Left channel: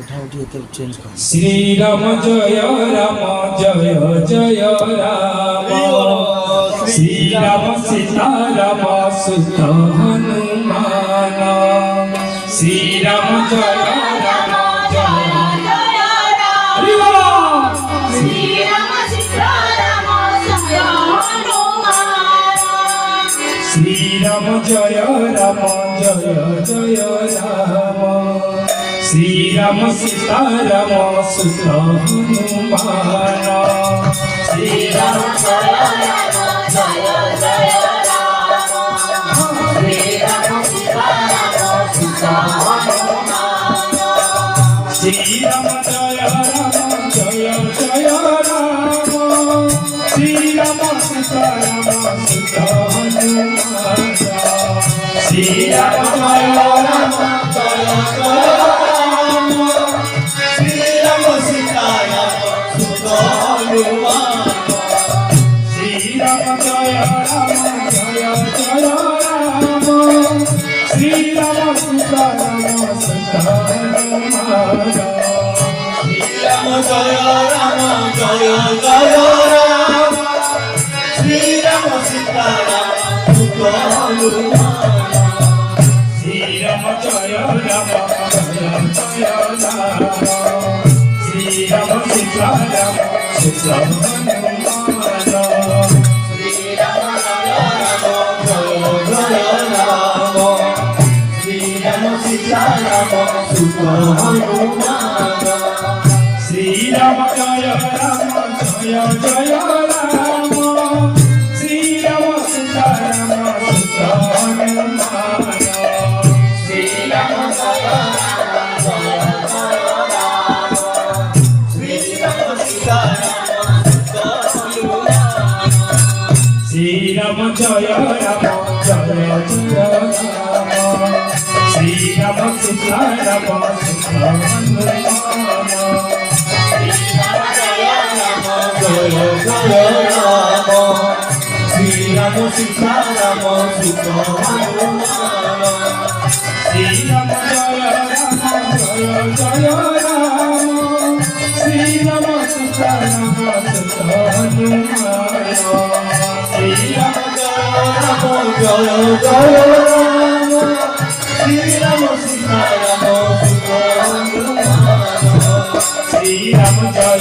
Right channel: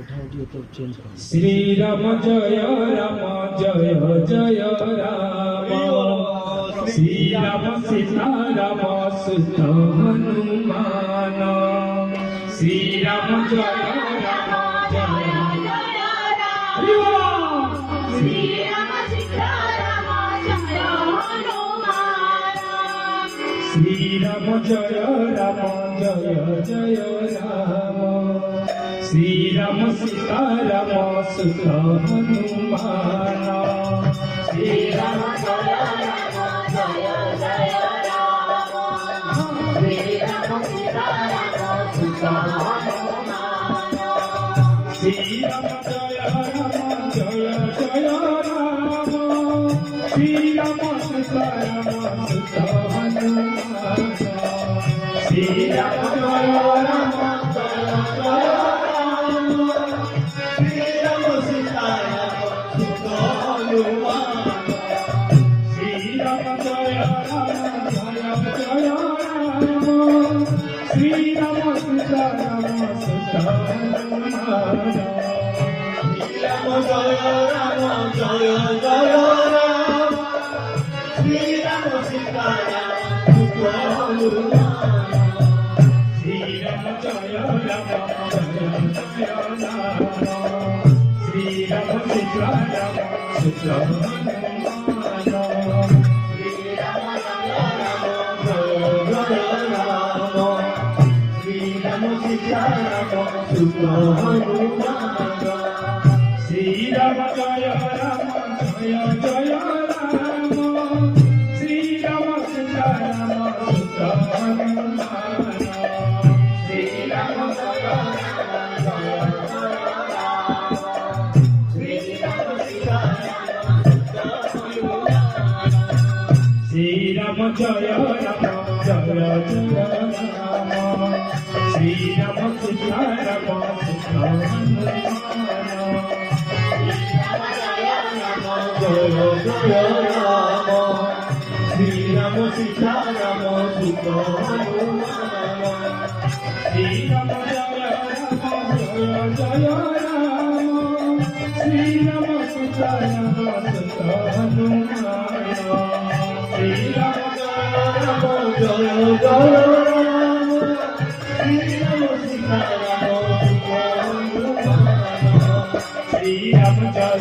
श्री राम जय जय राम श्री राम सीता राम सुत हनुमान श्री राम जय श्री राम जय जय राम श्री राम सीता राम सुत हनुमान श्री राम जय जय राम श्री राम सीता राम सुत हनुमान श्री राम जय जय राम श्री राम सीता राम सुत हनुमान श्री राम जय Ram Jaya